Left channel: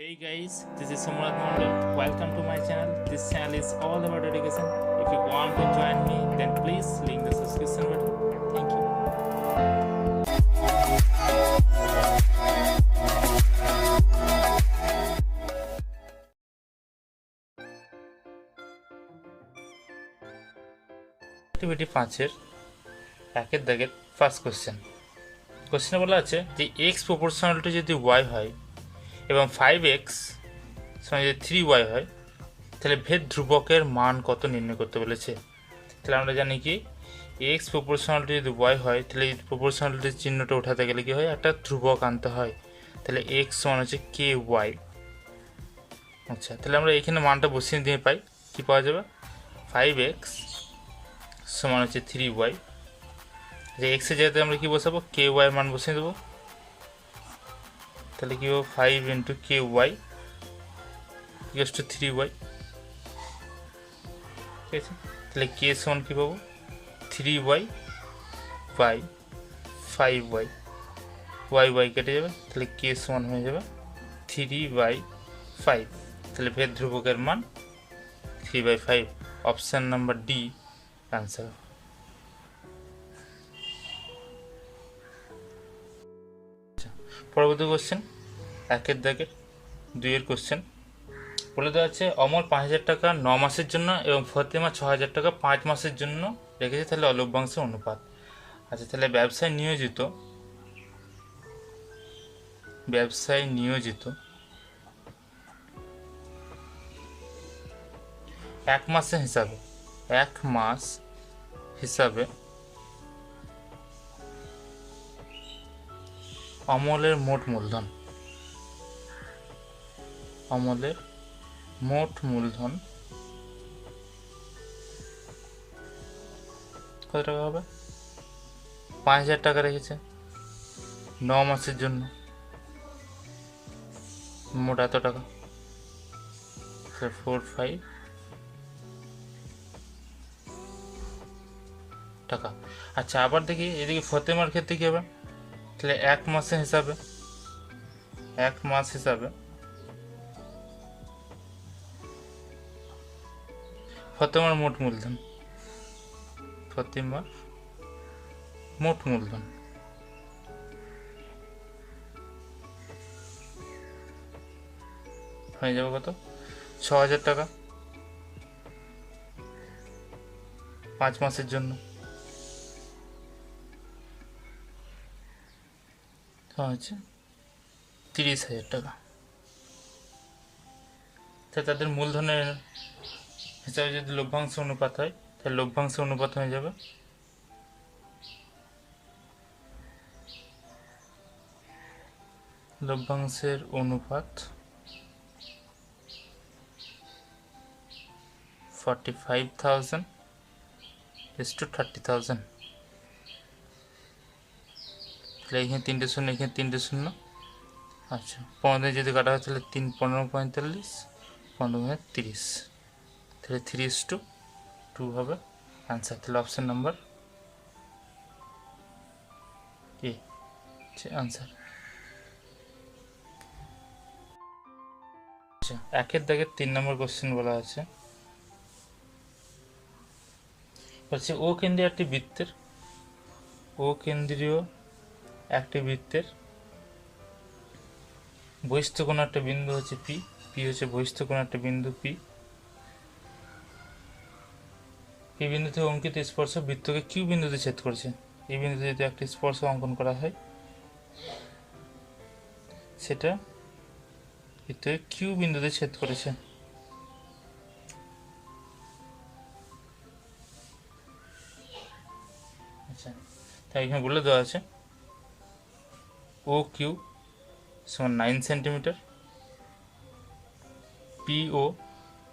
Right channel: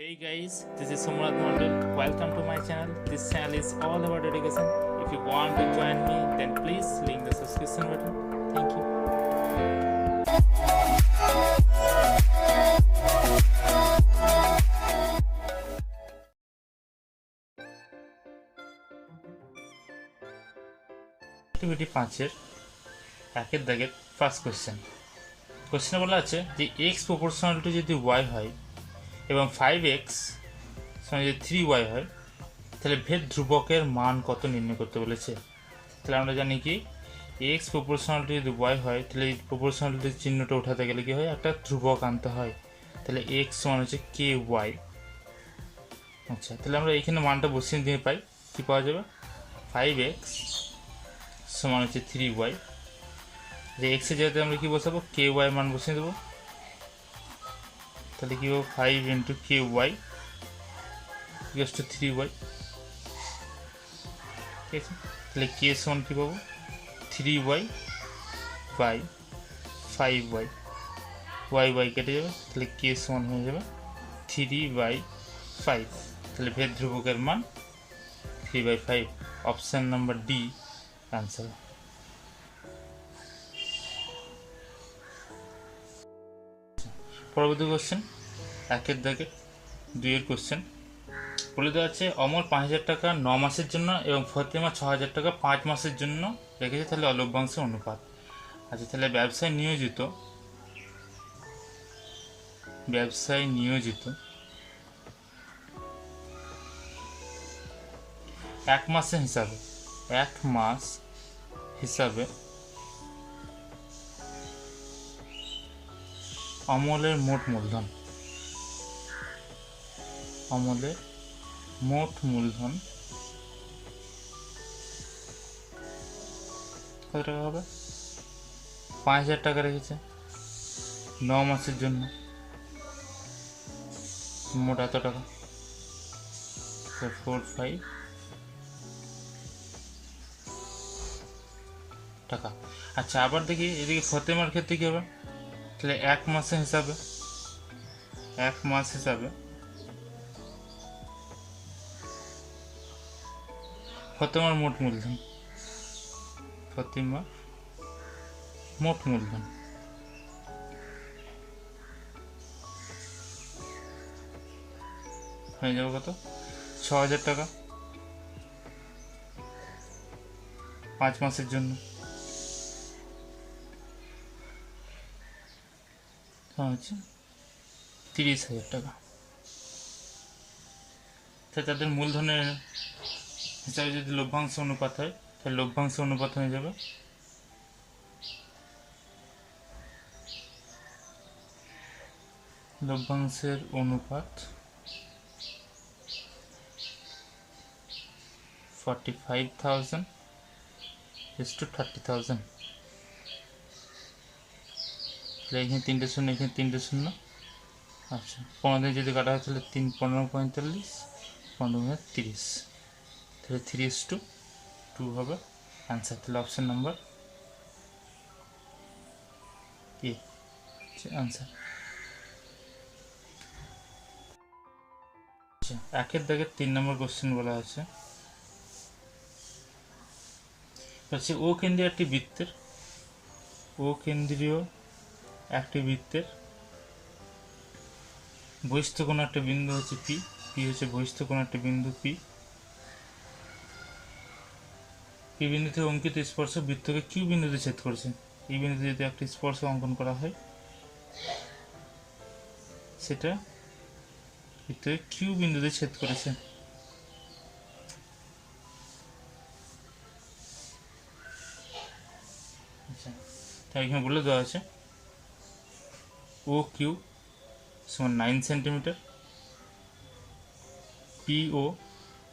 Hey guys, this is Somnath Mondal. Welcome to my channel. This channel is all about education. If you want to join me, then please link the subscription button. Thank you. Activity 5-এর একের দাগের first কোশ্চেনে বলা আছে যে X proportional to যদি Y হয় এবং 5x সমান যদি 3y হয় তাহলে ভেদ ধ্রুবকের মান কত নির্ণয় করতে বলেছে। তাহলে আমরা জানি কি এক্স প্রপোর্শনাল টু যদি ওয়াই হয় তাহলে এই প্রপোর্শনালিটির চিহ্নটা উঠাতে গেলে কি হয়, একটা ধ্রুবক আনতে হয়। তাহলে এক্স সমান হচ্ছে কে ওয়াই। আচ্ছা, তাহলে আমরা এখানে মানটা বসিয়ে দিয়ে পাই, কি পাওয়া যাবে 5x সমান হচ্ছে 3y। যে এক্সের জায়গাতে আমরা কি বসাবো, কে ওয়াই মান বসিয়ে দেবো। তাহলে কি হবে 5 into K Y equals to 3y। ঠিক আছে, তাহলে কে সমান কী পাবো 3y by 5y, Y Y কেটে যাবে, তাহলে কে সমান হয়ে যাবে 3/5। তাহলে ভেদ ধ্রুবকের মান 3/5। Option number D answer. পরবর্তী কোশ্চেন একের দাগের 2-এর কোশ্চেন বলে দেওয়া আছে অমর 5,000 টাকা 9 মাসের জন্য এবং ফতেমা 6,000 টাকা 5 মাসের জন্য রেখেছে, তাহলে অলভ্যাংশের অনুপাত। আচ্ছা, তাহলে ব্যবসায় নিয়োজিত 1 মাস হিসাবে অমলের মোট মূলধন কত টাকা হবে, 5,000 টাকা রেখেছে 9 মাসের জন্য, মোট এত টাকা 45 টাকা। আচ্ছা, আবার দেখি এদিকে ফতেমার ক্ষেত্রে কি হবে, তাহলে 1 মাস হিসাবে ফতেমার মোট মূলধন হয়ে যাবে কত 6,000 টাকা 5 মাসের জন্য, হচ্ছে 30,000 টাকা। তাই তাদের মূলধনের হিসাবে যদি লভ্যাংশ অনুপাত হয় তাহলে লভ্যাংশ অনুপাত হয়ে যাবে লভ্যাংশের অনুপাত 45,000 to 30,000। তাহলে এখানে 3টে শূন্য, এখানে 3টে শূন্য। আচ্ছা, 15 যদি কাটা হয় তাহলে 3 15 45 15 30, তাহলে 3:2 হবে আনসার। তাহলে অপশন নাম্বার এ আনসার। আচ্ছা, একের দাগের 3 নম্বর কোশ্চেন বলা আছে হচ্ছে ও কেন্দ্রীয় একটি বৃত্তের বহিস্থ কোণ একটা বিন্দু হচ্ছে পি হচ্ছে বহিস্থ কোণ একটা বিন্দু পি বিন্দু থেকে অঙ্কিত স্পর্শ বৃত্তকে কিউ বিন্দুতে ছেদ করছে। এই বিন্দুতে যদি একটি স্পর্শ অঙ্কন করা হয় সেটা বৃত্তকে কিউ বিন্দুতে ছেদ করেছে। আচ্ছা, তাই এখানে বলে দেওয়া আছে ও কিউ সমান 9 সেন্টিমিটার, পিও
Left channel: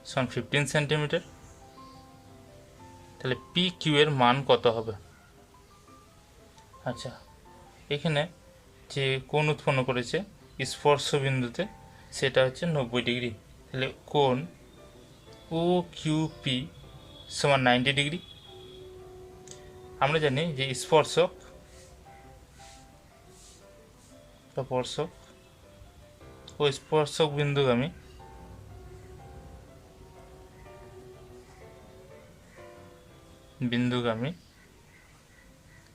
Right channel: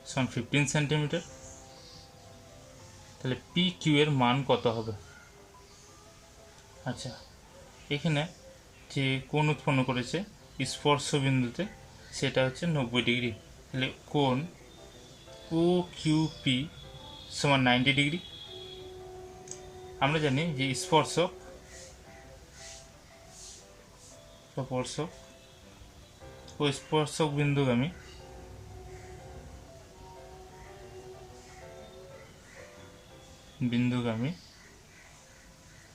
সমান 15 সেন্টিমিটার। তাহলে পি কিউ এর মান কত হবে। আচ্ছা, এখানে যে কোণ উৎপন্ন করেছে স্পর্শ বিন্দুতে সেটা হচ্ছে 90 ডিগ্রি। তাহলে কোণ ও কিউ পি সমান 90 ডিগ্রি। আমরা জানি যে স্পর্শক ও স্পর্শক বিন্দুগামী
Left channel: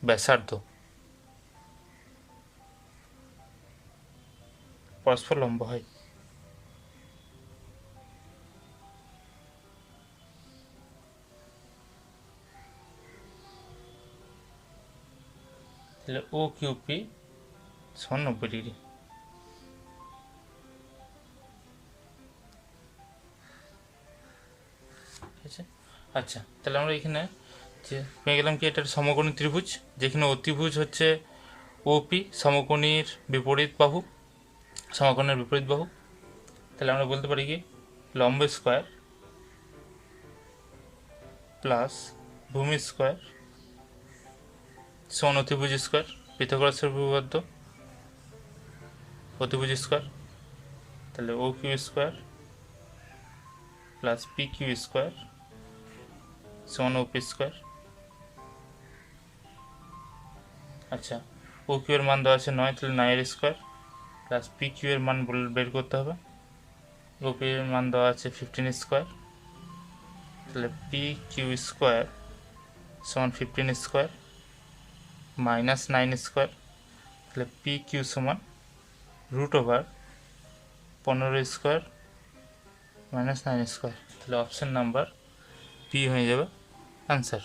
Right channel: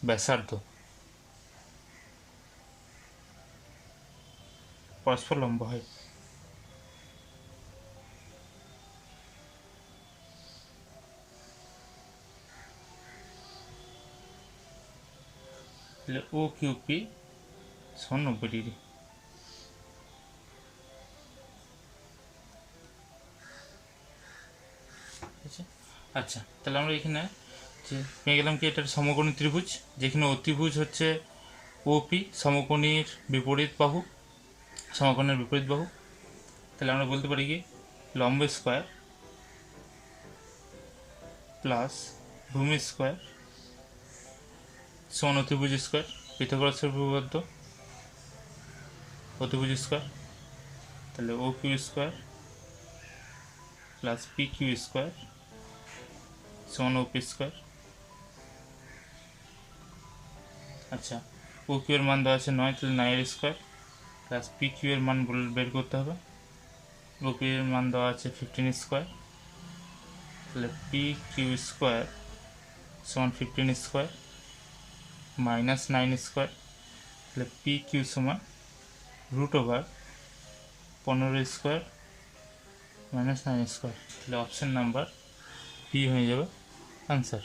ব্যাসার্ধ পরস্পর লম্ব হয়। তাহলে ও কিউপি সমান 90 ডিগ্রি। আচ্ছা, তাহলে আমরা এখানে যে পেয়ে গেলাম কি এটা সমকোণী ত্রিভুজ, যেখানে অতিভুজ হচ্ছে ওপি সমকোণীর বিপরীত বাহু, সমকোণের বিপরীত বাহু। তাহলে আমরা বলতে পারি কি লম্ব স্কোয়ার প্লাস ভূমি স্কোয়ার সমান অতিভুজ স্কোয়ার, পিথাগোরাসের উপপাদ্য অতিভুজ স্কোয়ার। তাহলে ও Q square plus P Q square সমান ওপি স্কোয়ার। আচ্ছা, ও কিউ এর মান দেওয়া আছে 9, তাহলে 9 স্কোয়ার প্লাস পি কিউ এর মান বের করতে হবে। ওপি এর মান দেওয়া আছে 15 স্কোয়ার, তাহলে পি কিউ স্কোয়ার সমান 15 স্কোয়ার মাইনাস 9 স্কোয়ার, তাহলে পি কিউ সমান √15 স্কোয়ার মাইনাস 9 স্কোয়ার। তাহলে অপশন নাম্বার পি হয়ে যাবে আনসার।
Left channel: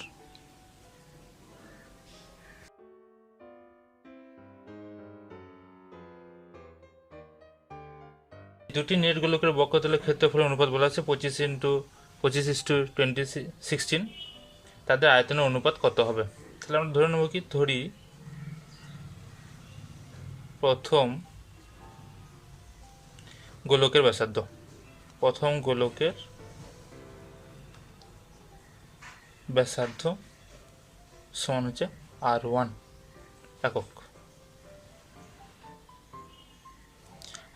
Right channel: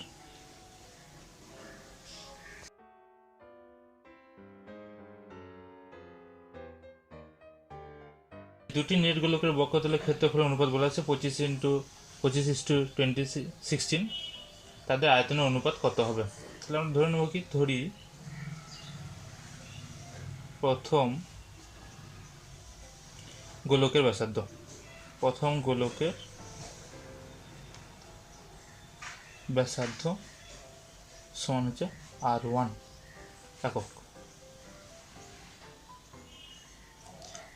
দুটি নেট গোলকের বক্ষতলের ক্ষেত্রফলের অনুপাত বলা আছে 25:2016। তাদের আয়তনের অনুপাত কত হবে? তাহলে আমরা ধরে নেব কি, ধরি প্রথম গোলকের ব্যাসার্ধ, প্রথম গোলকের ব্যাসার্ধ সমান হচ্ছে R1 একক।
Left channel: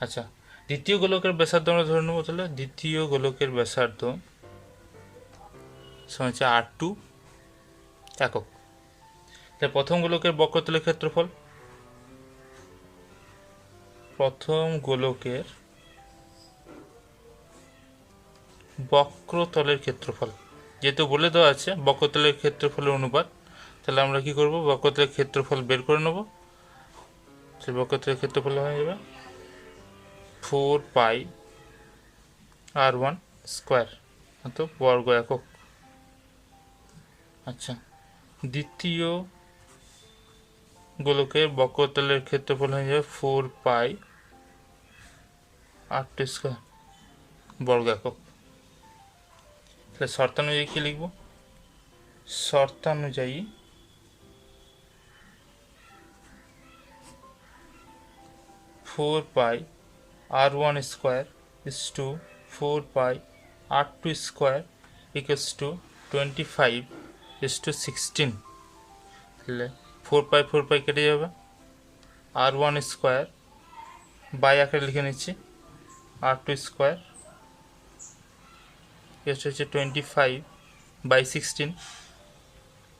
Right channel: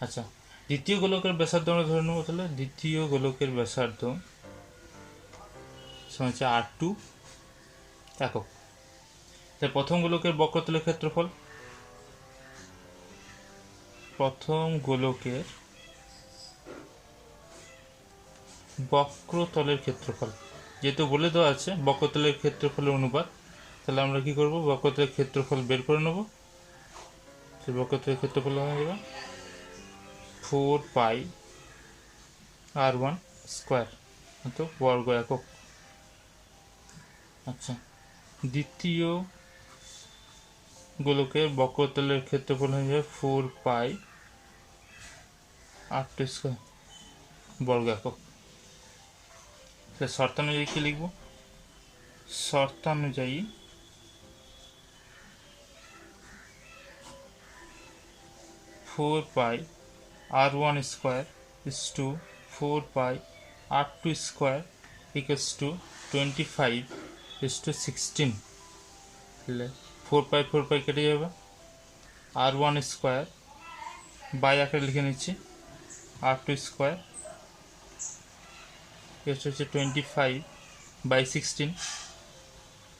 আচ্ছা, দ্বিতীয় গোলকের ব্যাসার্ধ আমরা ধরে নেব, তাহলে দ্বিতীয় গোলকের ব্যাসার্ধ সমান হচ্ছে R2 একক। তাহলে প্রথম গোলকের বক্রতলের ক্ষেত্রফল, প্রথম গোলকের বক্রতলের ক্ষেত্রফল, যেহেতু বলে দেওয়া আছে বক্রতলের ক্ষেত্রফলের অনুপাত, তাহলে আমরা কি করব, বক্রতলের ক্ষেত্রফল বের করে নেব। বক্রতলের ক্ষেত্রফল হয়ে যাবে 4πr1 স্কোয়ার বর্গ একক। আচ্ছা, দ্বিতীয় গোলকের বক্রতলের ক্ষেত্রফল হয়ে যাবে 4πr2 স্কোয়ার বর্গ একক। তাহলে শর্তানুযায়ী কি লিখব, শর্তানুযায়ী 4πr1 square is to 4πr2 square equals to 25:16। তাহলে 4π কেটে যাবে, r1 স্কোয়ার বাই আকারে লিখে নিচ্ছি r2 স্কোয়ার হচ্ছে 25/16।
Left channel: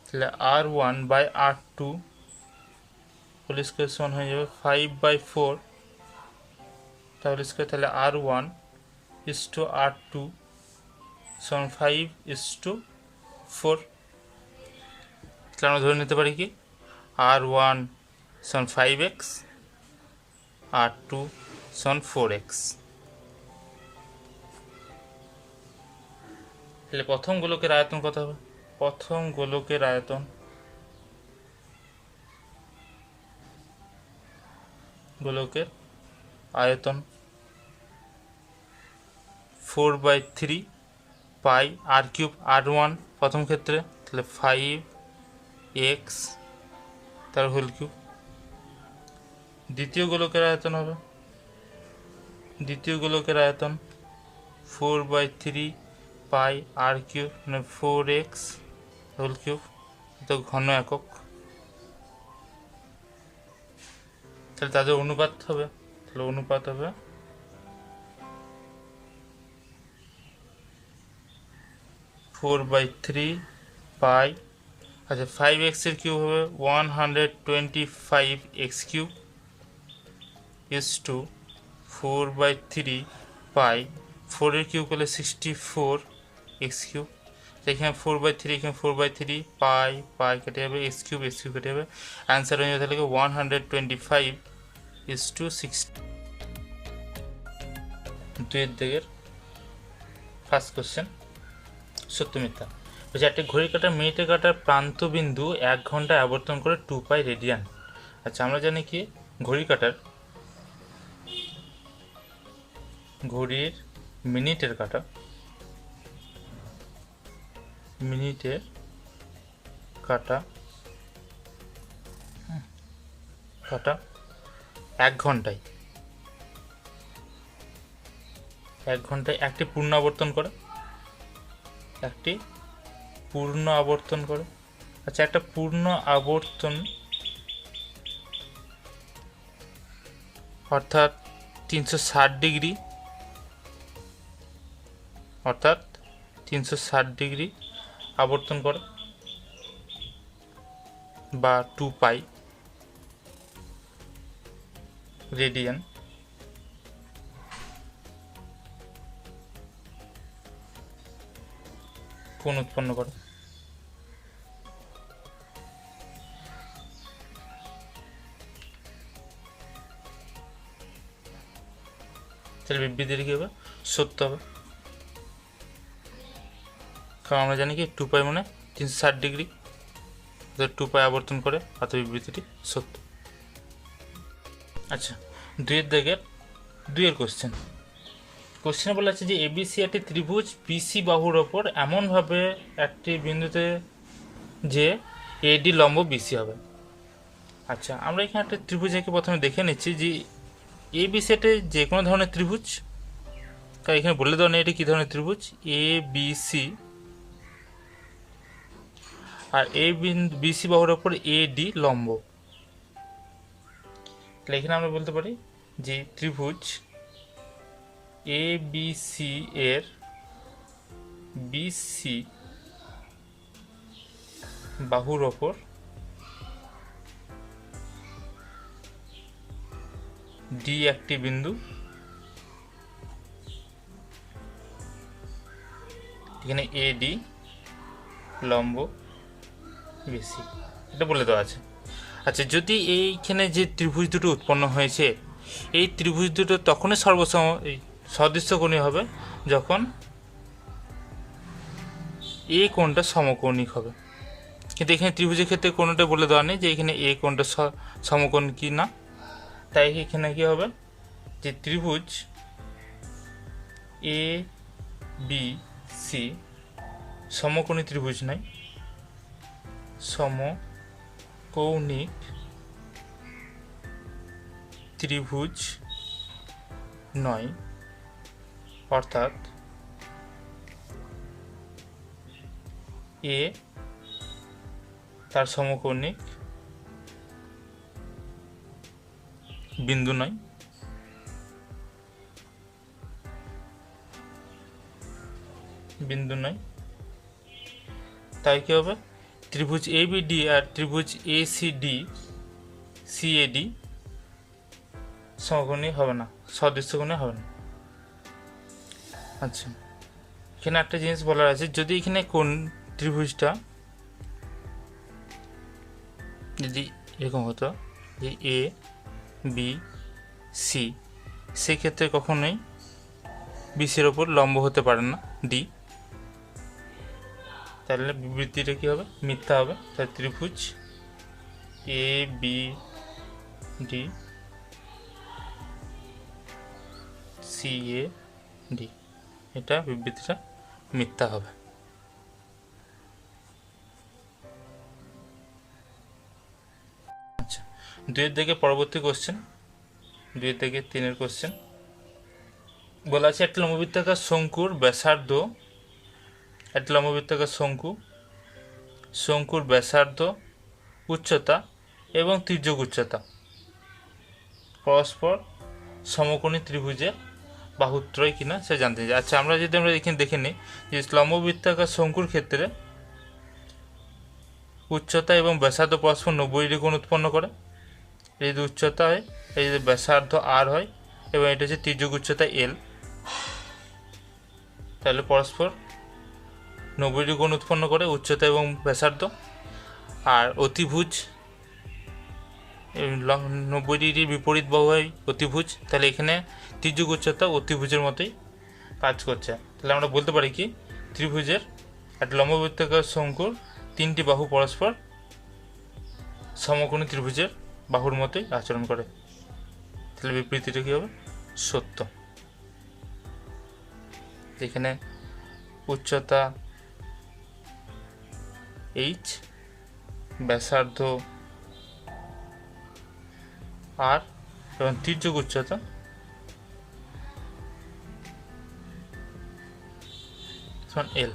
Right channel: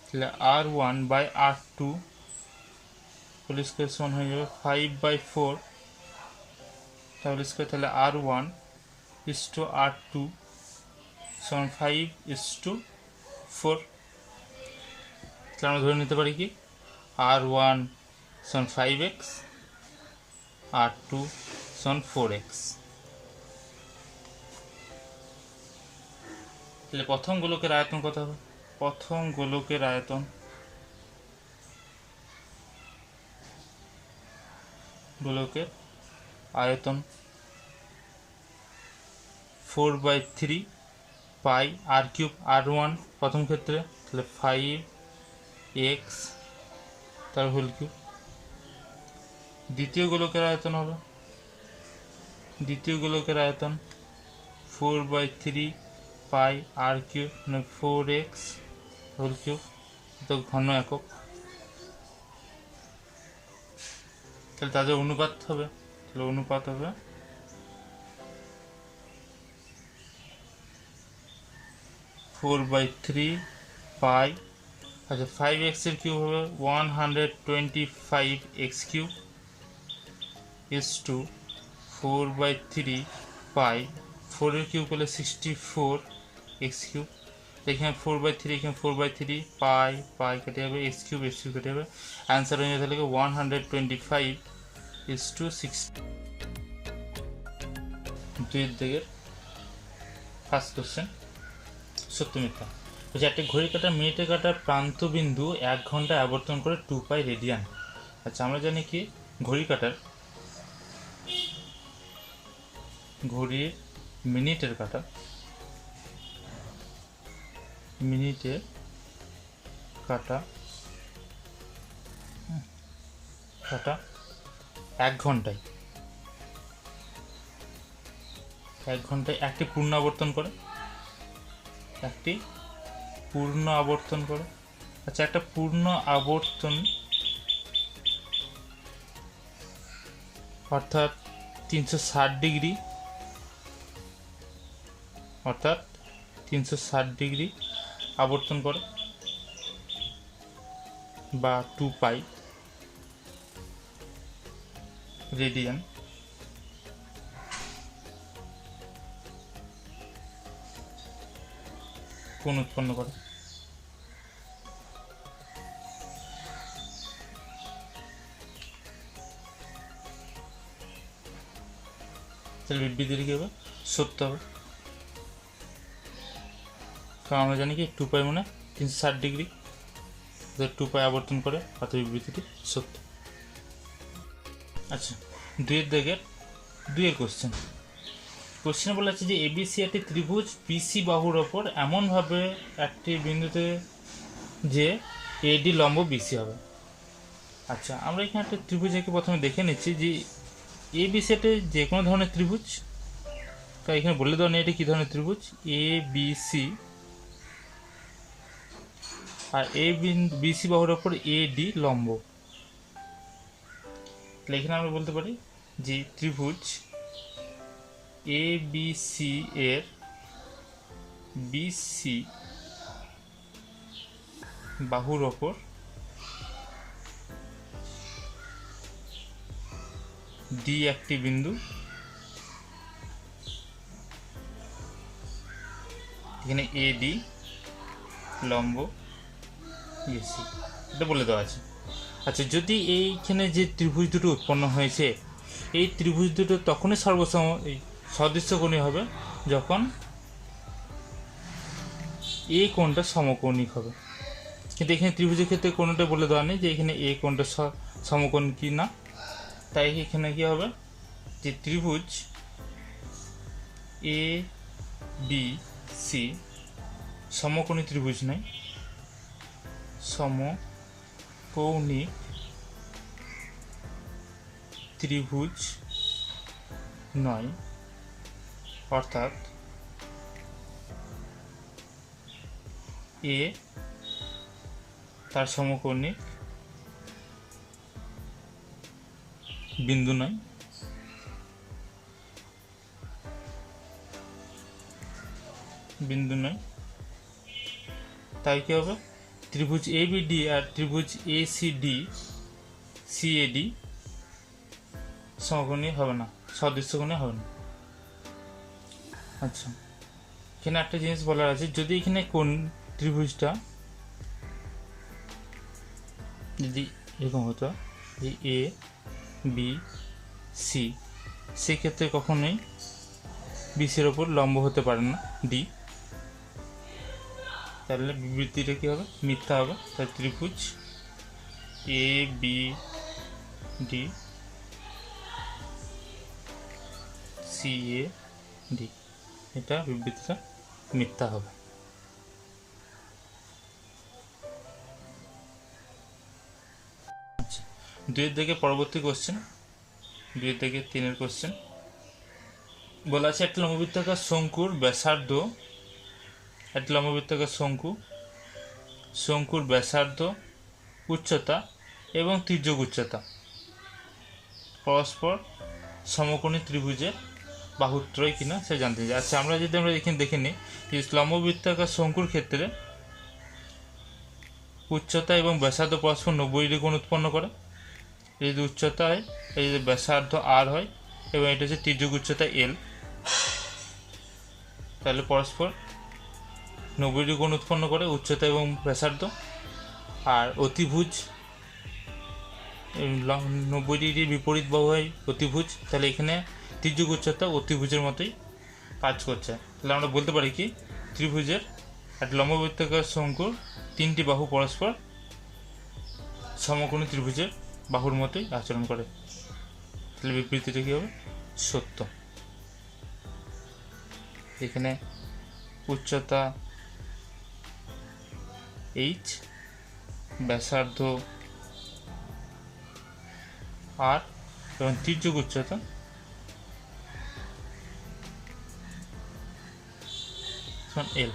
তাহলে r1 by r2 whole square সমান হয়ে যাবে 5/4 তাহলে স্কোয়ার। তাহলে r1 is to r2 সমান 5:4। তাহলে আমরা ধরে নিতে পারি কি r1 সমান 5x, r2 সমান 4x। তাহলে প্রথম গোলকের আয়তন কত হবে, প্রথম গোলকের আয়তন, গোলকের আয়তন 4/3πr3 r1 প্রথম ক্ষেত্রে, তাহলে 5x তার হোল কিউব। দ্বিতীয় গোলকের আয়তন হবে, দ্বিতীয় গোলকের আয়তন 4/3πr3 মানে 4x হোল কিউব, তো ঘন একক। তাহলে তাদের অনুপাত হবে, তাহলে অনুপাত হবে 4/3π, আচ্ছা 5x এর কিউব হবে 125x cube is to 4/3 pi, 4 cube করলে 64 এক্স কিউব, এখানে 4/3 এখানে 4/3 পাই পাই কেটে যাবে, এক্স কিউব কেটে যাবে, অ্যান্সার হয়ে যাবে তাহলে 125:60। দুইয়ের দিকের ফার্স্ট কোশ্চেন সত্য মিথ্যা বলছে একটা ঘড়ি কাটার মিনিটে কাটার প্রান্ত বিন্দু 1 ঘন্টায় আবর্তন করে 2 পাই রেডিয়ান। আচ্ছা আমরা জানি কি ঘড়ির মিনিটের কাটা 1 ঘন্টায় একটি পূর্ণ আবর্তন করে আচ্ছা একটা পূর্ণ আবর্তন অর্থাৎ 360 ডিগ্রি আবর্তন করে বা 2 পাই রেডিয়ান। কোণ উৎপন্ন করে তাহলে বিবৃতিটা কী হবে? সত্য হবে, কারণ আমরা জানি কি 2 পাই মানে 360 ডিগ্রি, 2 পাই আবর্তন করে, অর্থাৎ বিবৃতিটি সত্য। আচ্ছা দুইয়ের কোশ্চেনে বলা আছে যে এবিসি একটি ত্রিভুজ বিসি বাহুর ওপর এমনভাবে একটি বিন্দুতে যে এডি লম্ব বিসি হবে। আচ্ছা আমরা এখানে একটা ত্রিভুজকে প্রথমে দেখে নিচ্ছি যে এবিসি এটা যে কোনো ধরনের ত্রিভুজ, তাই এখানে বলে দেওয়া নেই এটা কী ধরনের ত্রিভুজ, এ বিসি, আর বিসি বাহুর ওপর এডি লম্ব। তাহলে এখানে আমরা বলতে পারি যে ত্রিভুজ এ বিসি এর বিসি বাহুর ওপর ডি একটি বিন্দু, এখানে এডি লম্ব বিসি, এটা বলে দেওয়া আছে। আচ্ছা যদি এইখানে যে ত্রিভুজ দুটো উৎপন্ন হয়েছে এই ত্রিভুজ দুটো তখনই সদৃশ্যকোণী হবে যখন এ কোণটা সমকোণিক হবে, কিন্তু এখানে ত্রিভুজের ক্ষেত্রে কোণটা বলে দেওয়া নেই যে এখানে এ কোণটা সমকোণ কি না, তাই এখানে কি হবে যে ত্রিভুজ এ বি সি সমকোণী ত্রিভুজ নয়, সমকৌণিক ত্রিভুজ নয়, অর্থাৎ এ তার সমকৌণিক বিন্দু নয়, তাই কি হবে ত্রিভুজ এ বি ডি আর ত্রিভুজ এ সি ডি সিএডি সমকোণী হবে না, সদৃশ্যকোণী হবে না। আচ্ছা এখানে একটা জিনিস বলার আছে, যদি এখানে কোন ত্রিভুজটা যদি এরকম হতো এ বি সি, সেক্ষেত্রে কখনোই বিসির ওপর লম্ব হতে পারে না ডি, তাহলে বিবৃতিটা কী হবে? মিথ্যা হবে। তাই ত্রিভুজ A B D C A D, এটা বিবৃতিটা মিথ্যা হবে। আচ্ছা 2 থেকে পরবর্তী কোশ্চেন, 2 থেকে 3 কোশ্চেন বলা আছে একটা লম্ববৃত্তাকার শঙ্কুর ব্যাসার্ধ, একটা লম্ববৃত্তাকার শঙ্কুর ব্যাসার্ধ, উচ্চতা এবং তির্যক উচ্চতা পরস্পর সমকোণী ত্রিভুজের বাহুত্রয় কিনা সে জানতে চাই। আচ্ছা আমরা এখানে দেখে নিই যে লম্ববৃত্তাকার শঙ্কুর ক্ষেত্রে উচ্চতা এবং ব্যাসার্ধ পরস্পর 90 ডিগ্রি কোণ উৎপন্ন করে। এই যে উচ্চতা হয়, এই যে ব্যাসার্ধ আর হয়, এবং এটা হচ্ছে তির্যক উচ্চতা এল। তাহলে পরস্পর 90 কোণ উৎপন্ন করে উচ্চতা এবং ব্যাসার্ধ। আর অতিভুজ 90 ডিগ্রি বিপরীত বাহু হয় অতিভুজ, তাহলে এখানে তির্যক উচ্চতা অতিভুজের মতোই কাজ করছে। তাহলে আমরা বলতে পারি কি ত্রিভুজের একটা লম্ববৃত্তাকার শঙ্কুর 3টি বাহু পরস্পর সমকোণী ত্রিভুজের বাহুর মতোই আচরণ করে। তাহলে বিবৃতিটা কী হবে? সত্য। এখানে উচ্চতা এইচ, ব্যাসার্ধ আর এবং তির্যক উচ্চতা এল।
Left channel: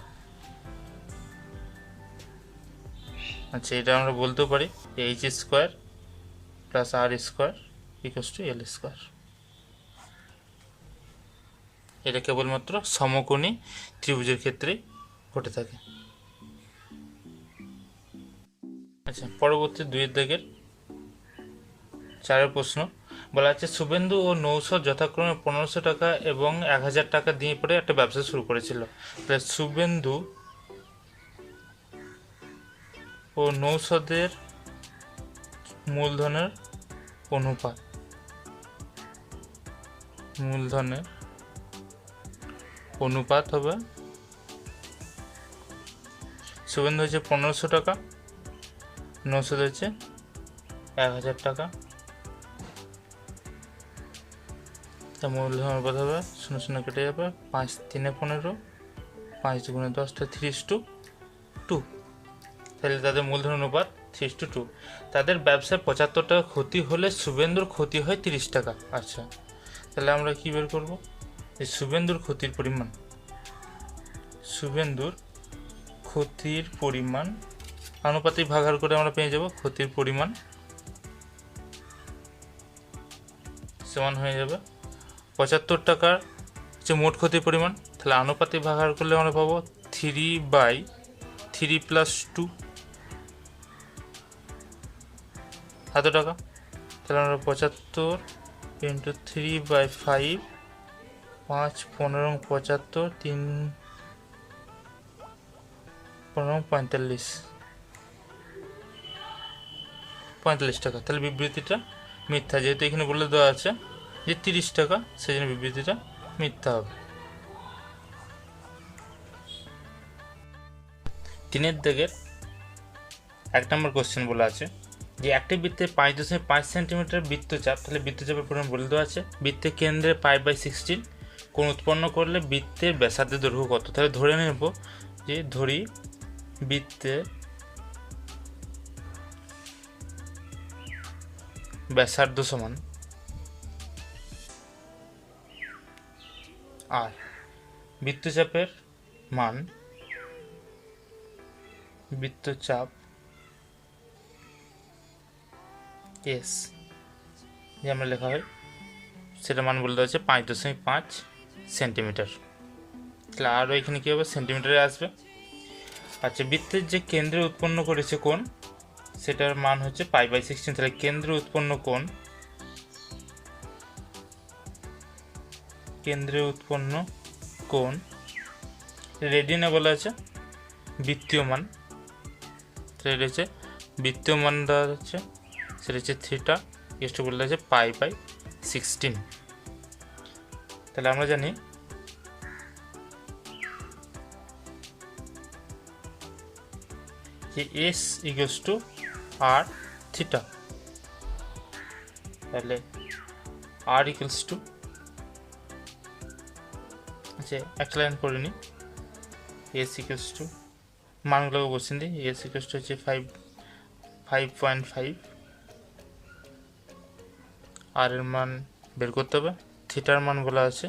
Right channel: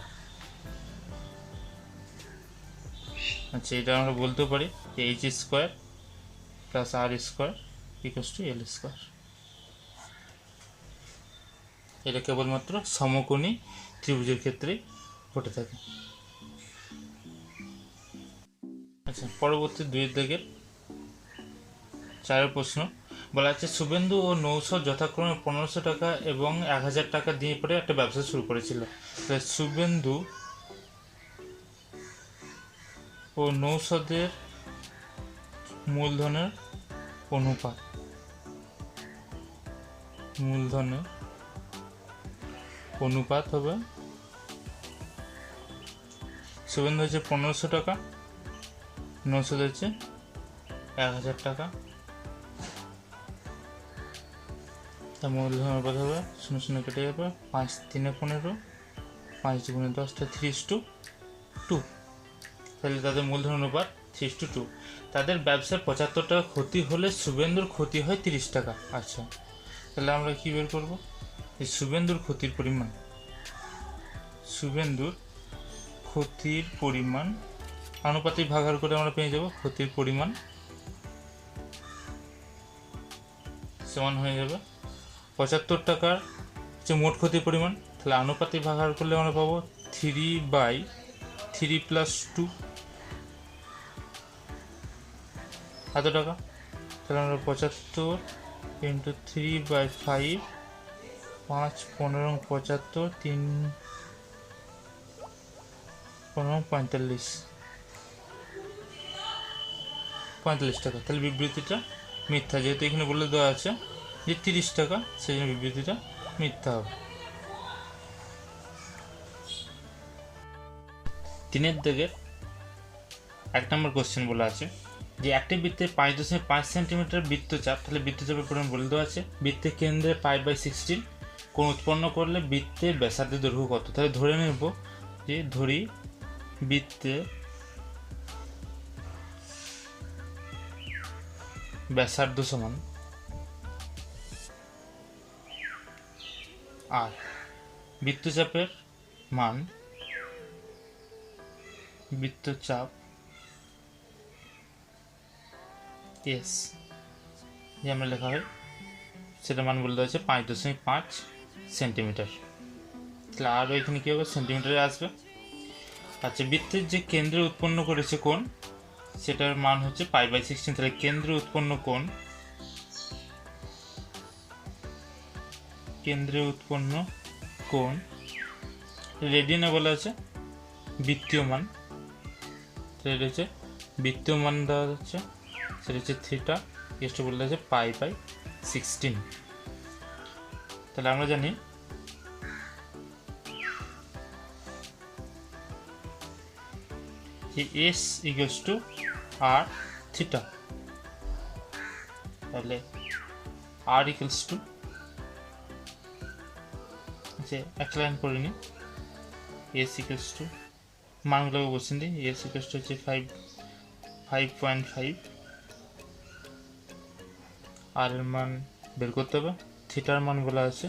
আচ্ছা, এটা আমরা বলতে পারি H square plus R square equals to L square. এটা কেবলমাত্র সমকোণী ত্রিভুজের ক্ষেত্রেই ঘটে থাকে। আচ্ছা, পরবর্তী 2 দাগের 4 প্রশ্ন বলা আছে শুভেন্দু ও নৌশদ যথাক্রমে 1500 টাকা এবং 1000 টাকা দিয়ে পরে একটা ব্যবসা শুরু করেছিল। শুভেন্দু ও নৌশদের মূলধনের অনুপাত হবে, শুভেন্দু হচ্ছে 1500 টাকা, নৌশদ হচ্ছে 1000 টাকা। তা মূলধন অনুপাত হবে 0 0 কেটে যাবে, 5 3 15, 5 2 10 3:2। তাহলে তাদের মূলধন অনুপাত 3:2। তাদের ব্যবসায় 75 টাকা ক্ষতি হলে শুভেন্দুর ক্ষতি হয় 30 টাকা। আচ্ছা, তাহলে আমরা কি বের করব? এই শুভেন্দুর ক্ষতির পরিমাণ আনুপাতিক ভাগাহার করে আমরা পেয়ে যাব ক্ষতির পরিমাণ সমান হয়ে যাবে 75 টাকার হচ্ছে মোট ক্ষতির পরিমাণ। তাহলে আনুপাতিক ভাগাহার করলে আমরা পাবো 3/3 + 2 এত টাকা। তাহলে আমরা 75 × 3/5 5 15 75 3 15 45 টাকা। তাহলে বিবৃতিটা মিথ্যা, যেহেতু এখানে বলে দেওয়া আছে যে 30 টাকা, সেই জন্য বিবৃতিটা মিথ্যা হবে। 3 দাগের 1 নম্বর কোশ্চেন বলা আছে যে একটি বৃত্তের 5.5 সেন্টিমিটার বৃত্তচাপ, তাহলে বৃত্তচাপের পরিমাণ বলে দেওয়া আছে। বৃত্তের কেন্দ্রে π/16 কোণ উৎপন্ন করলে বৃত্তের ব্যাসার্ধের দৈর্ঘ্য কত? তাহলে ধরে নেব যে বৃত্তের ব্যাসার্ধ সমান আর বৃত্তচাপের মান বৃত্তচাপ এস যে আমরা লেখা হয় সেটা মান বলে দেওয়া আছে 5.5 সেন্টিমিটার। তাহলে আরও এখানে কী হবে? সেন্টিমিটারে আসবে। আচ্ছা, বৃত্তের যে কেন্দ্রে উৎপন্ন করেছে কোণ সেটার মান হচ্ছে π/16। তাহলে কেন্দ্রে উৎপন্ন কোণ রেডিয়ানে বলা আছে বৃত্তীয় মান। তাহলে এটা হচ্ছে বৃত্তীয় মান দেওয়া যাচ্ছে, সেটা হচ্ছে থিটা ইকুয়াল টু বলে দেওয়া আছে π/16। তাহলে আমরা জানি যে S equal to R theta. তাহলে আর ইকুয়ালস টু, আচ্ছা একটা লাইন করে নিই, এস ইকুয়ালস টু মানগুলোকে বসিয়ে দিই। এস ইকুয়ালস টু হচ্ছে 5.5, আর এর মান বের করতে হবে। থিটার মান বলা আছে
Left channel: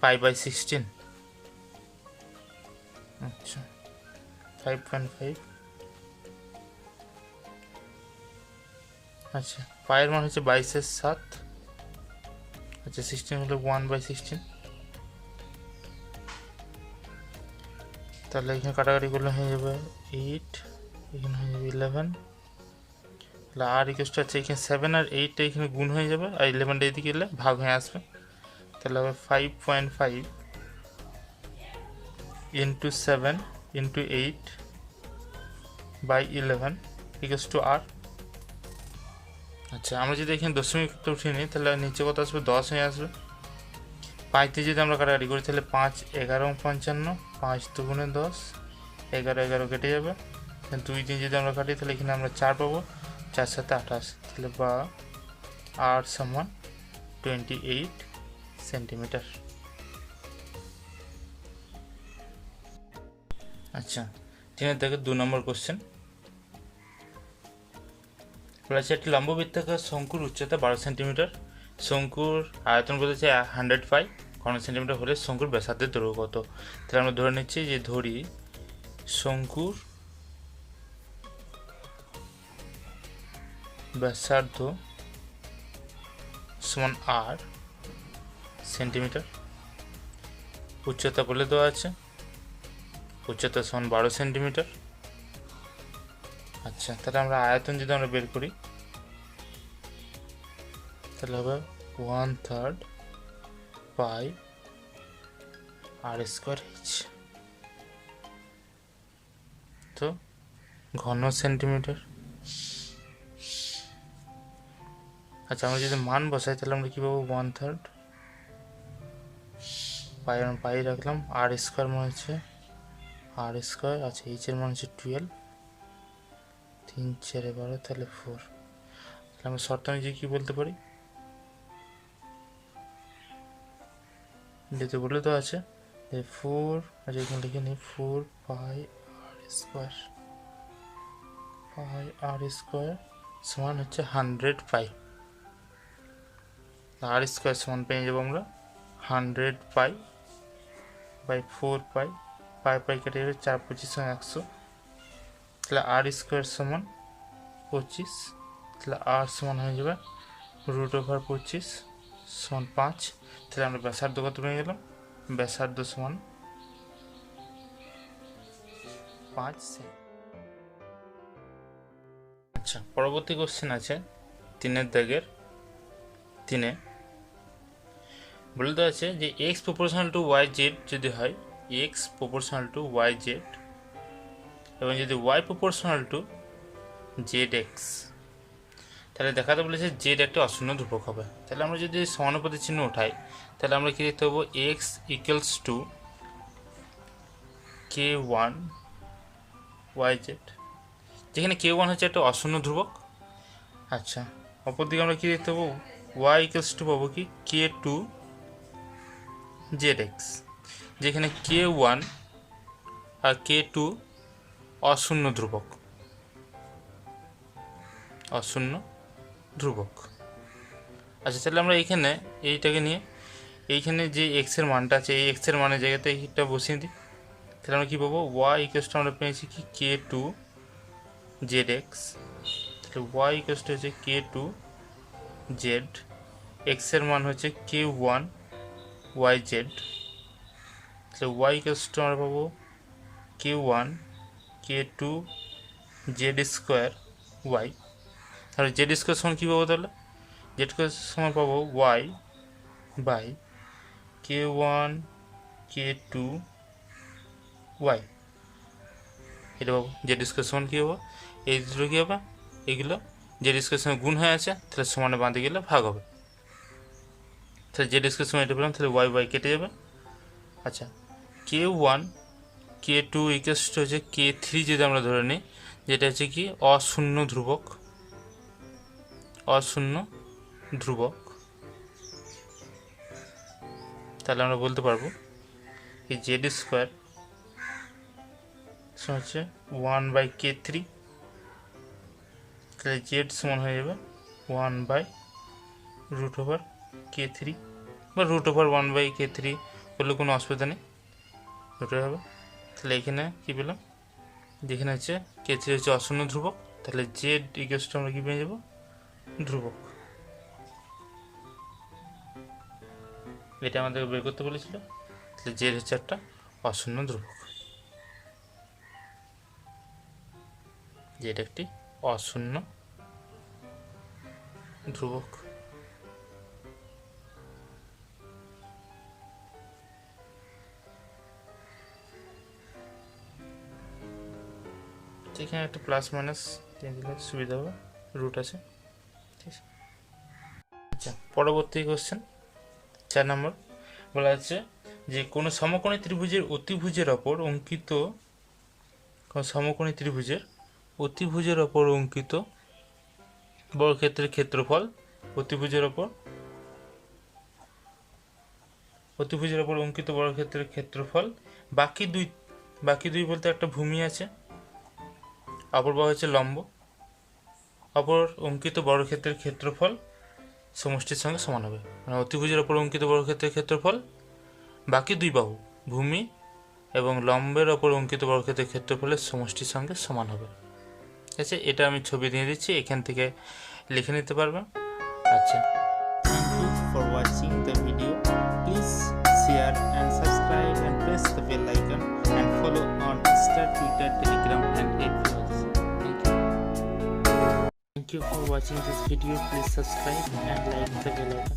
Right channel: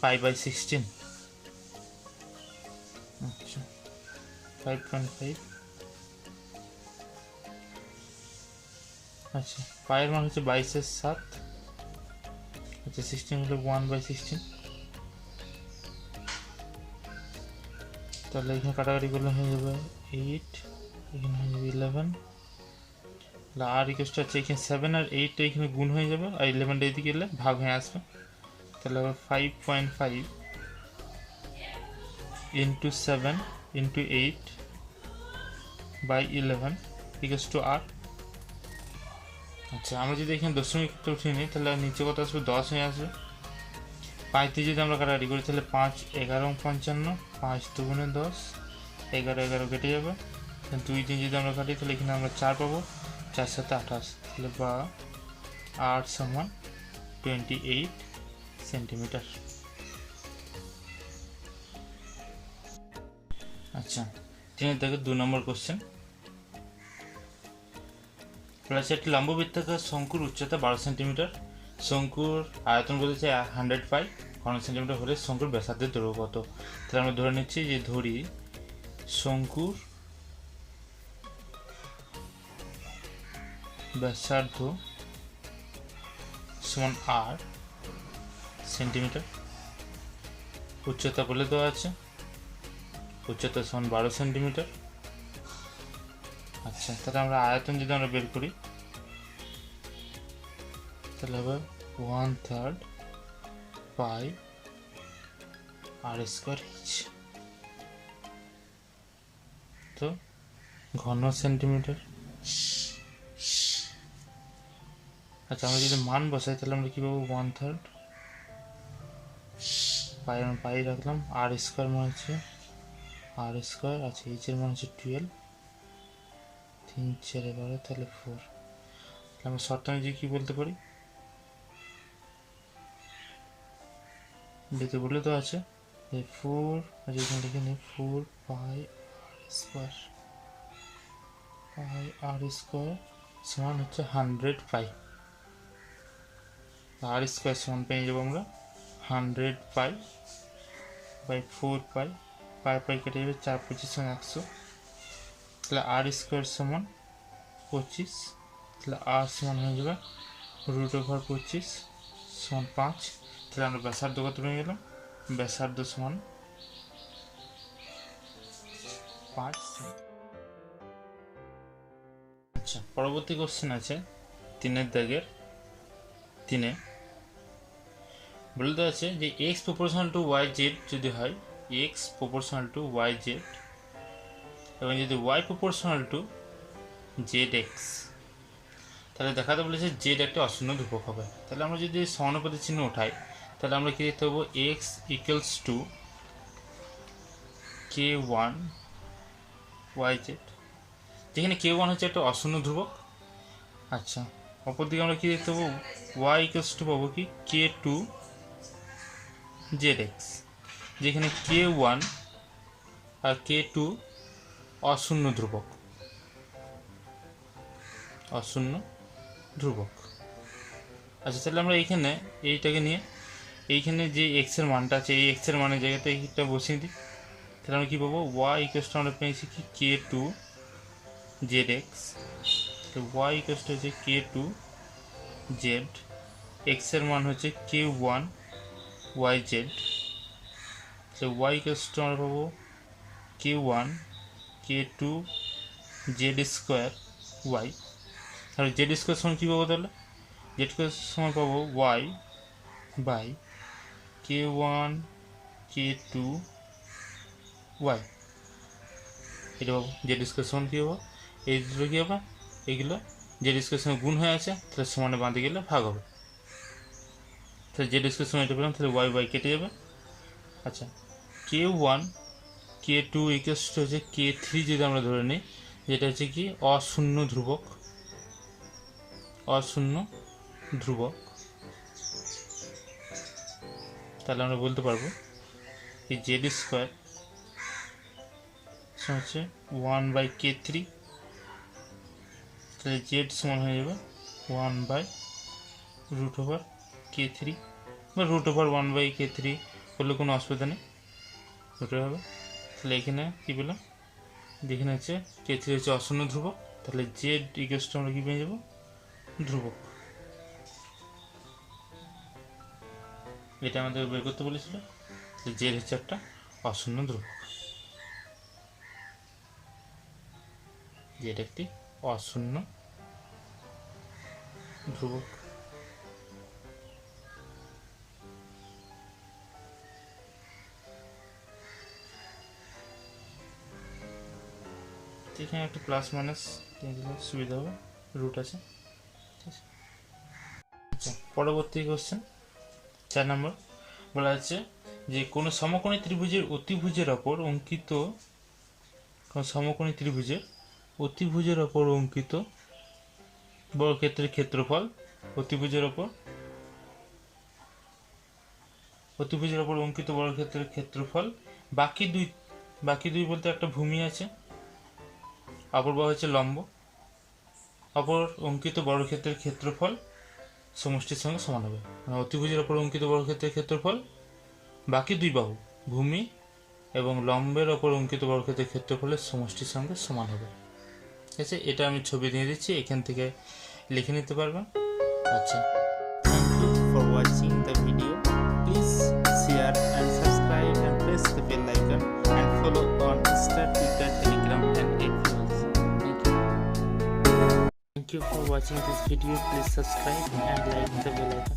π/16। আচ্ছা 5.5, আচ্ছা পায়ের মান হচ্ছে 22/7। আচ্ছা 16 হলো 1/16। তাহলে এখানে কাটাকাটি করলে হয়ে যাবে 8, এখানে হয়ে যাবে 11। তাহলে আর ইকুয়াল টু আছে এখানে 7 আর 8টা এখানে গুণ হয়ে যাবে, আর 11টা এদিকে এলে ভাগ হয়ে আসবে। তাহলে হবে 5.5 into 7 into 8 by 11 equals to R. আচ্ছা, আমরা যদি এখানে দশমিক উঠিয়ে নিই তাহলে নিচে কত আসবে, 10 হয়ে আসবে। 5 দিয়ে যদি আমরা কাটাকাটি করি তাহলে 5 11 55, 5 দুগুণে 10, 11 11 কেটে যাবে। 2 দিয়ে যদি আমরা কাটি তাহলে এখানে আমরা 4 পাবো, 4 7 28, তাহলে বা আর সমান 28 সেন্টিমিটার। আচ্ছা, তিনের থেকে 2 নম্বর কোশ্চেন বলেছে একটি লম্ববৃত্তাকার শঙ্কুর উচ্চতা 12 সেন্টিমিটার, শঙ্কুর আয়তন বলেছে 100 পাই ঘন সেন্টিমিটার হলে শঙ্কুর ব্যাসার্ধের দৈর্ঘ্য কত। তাহলে আমরা ধরে নিচ্ছি যে ধরি শঙ্কুর ব্যাসার্ধ সমান আর সেন্টিমিটার, উচ্চতা বলে দেওয়া আছে, উচ্চতা সমান 12 সেন্টিমিটার। আচ্ছা, তাহলে আমরা আয়তন যদি আমরা বের করি তাহলে হবে 1/3 পাই আর স্কোয়ার এইচ, তো ঘন সেন্টিমিটার। আচ্ছা, আমরা যদি মান বসাই তাহলে আমরা কী পাবো, 1/3 পাই রাখলাম, আর স্কোয়ার মান হচ্ছে আর স্কোয়ার। আচ্ছা, এইচের মান হচ্ছে 12, 3 4 12, তাহলে 4। তাহলে আমরা শর্ত অনুযায়ী কী বলতে পারি, যেহেতু বলে তো আছে যে 4, এখানে লিখে নিই 4 পাই আর স্কোয়ার সমান হচ্ছে 100 পাই। আর স্কোয়ার সমান পেয়ে যাবো আমরা 100 পাই বাই 4 পাই, পাই কেটে যাবে, 4 25 100, তাহলে আর স্কোয়ার সমান 25, তাহলে আর সমান হয়ে যাবে √25 সমান 5। তাহলে আমরা ব্যাসার্ধ কত পেয়ে গেলাম, ব্যাসার্ধ সমান 5 সেমি। আচ্ছা, পরবর্তী কোশ্চেন আছে 3 3 বলে দেওয়া আছে যে X proportional to Y Z যদি হয়, X proportional to Y Z এবং যদি Y proportional to Z X, তাহলে দেখাতে বলেছে জেড একটা অশূন্য ধ্রুবক হবে। তাহলে আমরা যদি সমানুপাতি চিহ্ন উঠাই তাহলে আমরা কি দেখতে পাবো, X equals to k1 Y Z, যেখানে k1 হচ্ছে একটা অশূন্য ধ্রুবক। আচ্ছা, অপরদিকে আমরা কি দেখতে পাবো, ওয়াই ইকুয়ালস টু পাবো কি k2 জেড এক্স, যেখানে k1 আর k2 অশূন্য ধ্রুবক, অশূন্য ধ্রুবক। আচ্ছা, তাহলে আমরা এইখানে এইটাকে নিয়ে এইখানে যে এক্সের মানটা আছে এই এক্সের মানের জায়গাতে এইটা বসিয়ে দিই, তাহলে আমরা কী পাবো, ওয়াই ইকুয়ালস টু আমরা পেয়েছি কি k2 জেড এক্স, তাহলে ওয়াই ইকুয়ালস টু হচ্ছে k2 জেড, এক্সের মান হচ্ছে k1 ওয়াই জেড, তাহলে ওয়াই ইকুয়ালস টু আমরা পাবো k1 k2 Z square Y. তাহলে জেড স্কোয়ার সমান কী পাবো, তাহলে জেড স্কোয়ার সমান পাবো Y by k1 k2 Y, এটা পাবো। জেড স্কোয়ার সমান কী হবো, এই দুটো কী হবে, এগুলো জেড স্কোয়ার সঙ্গে গুণ হয়ে আছে, তাহলে সমানে বাঁধে গেলে ভাগ হবে। তাহলে জেড স্কোয়ার সমান এটা পেলাম, তাহলে ওয়াই কেটে যাবে। আচ্ছা, k1 k2 ইকুয়ালস টু হচ্ছে k3 যদি আমরা ধরে নিই, যেটা হচ্ছে কি অশূন্য ধ্রুবক, অশূন্য ধ্রুবক, তাহলে আমরা বলতে পারবো এই জেড স্কোয়ার হচ্ছে 1/k3, তাহলে জেড সমান হয়ে যাবে 1/√k3 বা √1/k3 করলে কোনো অসুবিধা নেই, ওটাই হবে। তাহলে এখানে কী পেলাম, যেখানে হচ্ছে k3 হচ্ছে অশূন্য ধ্রুবক, তাহলে জেড ইকুয়ালস টু আমরা কী পেয়ে যাবো, ধ্রুবক। এটা আমাদের বের করতে বলেছিল, তাহলে জেড হচ্ছে একটা অশূন্য ধ্রুবক, জেড একটি অশূন্য ধ্রুবক। এখানে একটা প্লাস মাইনাস দিয়ে দিলে সুবিধা হবে, রুট আছে। ঠিক আছে, আচ্ছা পরবর্তী কোশ্চেন 4 নম্বর বলা আছে যে কোনো সমকোণী ত্রিভুজের অতিভুজের ওপর অঙ্কিত, কোনো সমকোণী ত্রিভুজের অতিভুজের ওপর অঙ্কিত বর্গক্ষেত্রের ক্ষেত্রফল, অতিভুজের ওপর অঙ্কিত বর্গক্ষেত্রের ক্ষেত্রফল বাকি দুই বলতে একটা ভূমি আছে, অপর বাহু হচ্ছে লম্ব, অপর অঙ্কিত বর্গক্ষেত্রের ক্ষেত্রফল সমষ্টির সঙ্গে সমান হবে। মানে অতিভুজের ওপর অঙ্কিত বর্গক্ষেত্রের ক্ষেত্রফল বাকি দুই বাহু ভূমি এবং লম্বের ওপর অঙ্কিত বর্গক্ষেত্রের ক্ষেত্রফলের সমষ্টির সঙ্গে সমান হবে। ঠিক আছে, এটা আমি ছবি দিয়ে দিচ্ছি, এখান থেকে লিখে নিতে পারবেন। আচ্ছা, thank you for watching the video. Please share and subscribe and press the bell icon and follow on Insta, Twitter, Telegram and FB also. Thank you. Thank you for watching this video. Please subscribe and like the bell icon.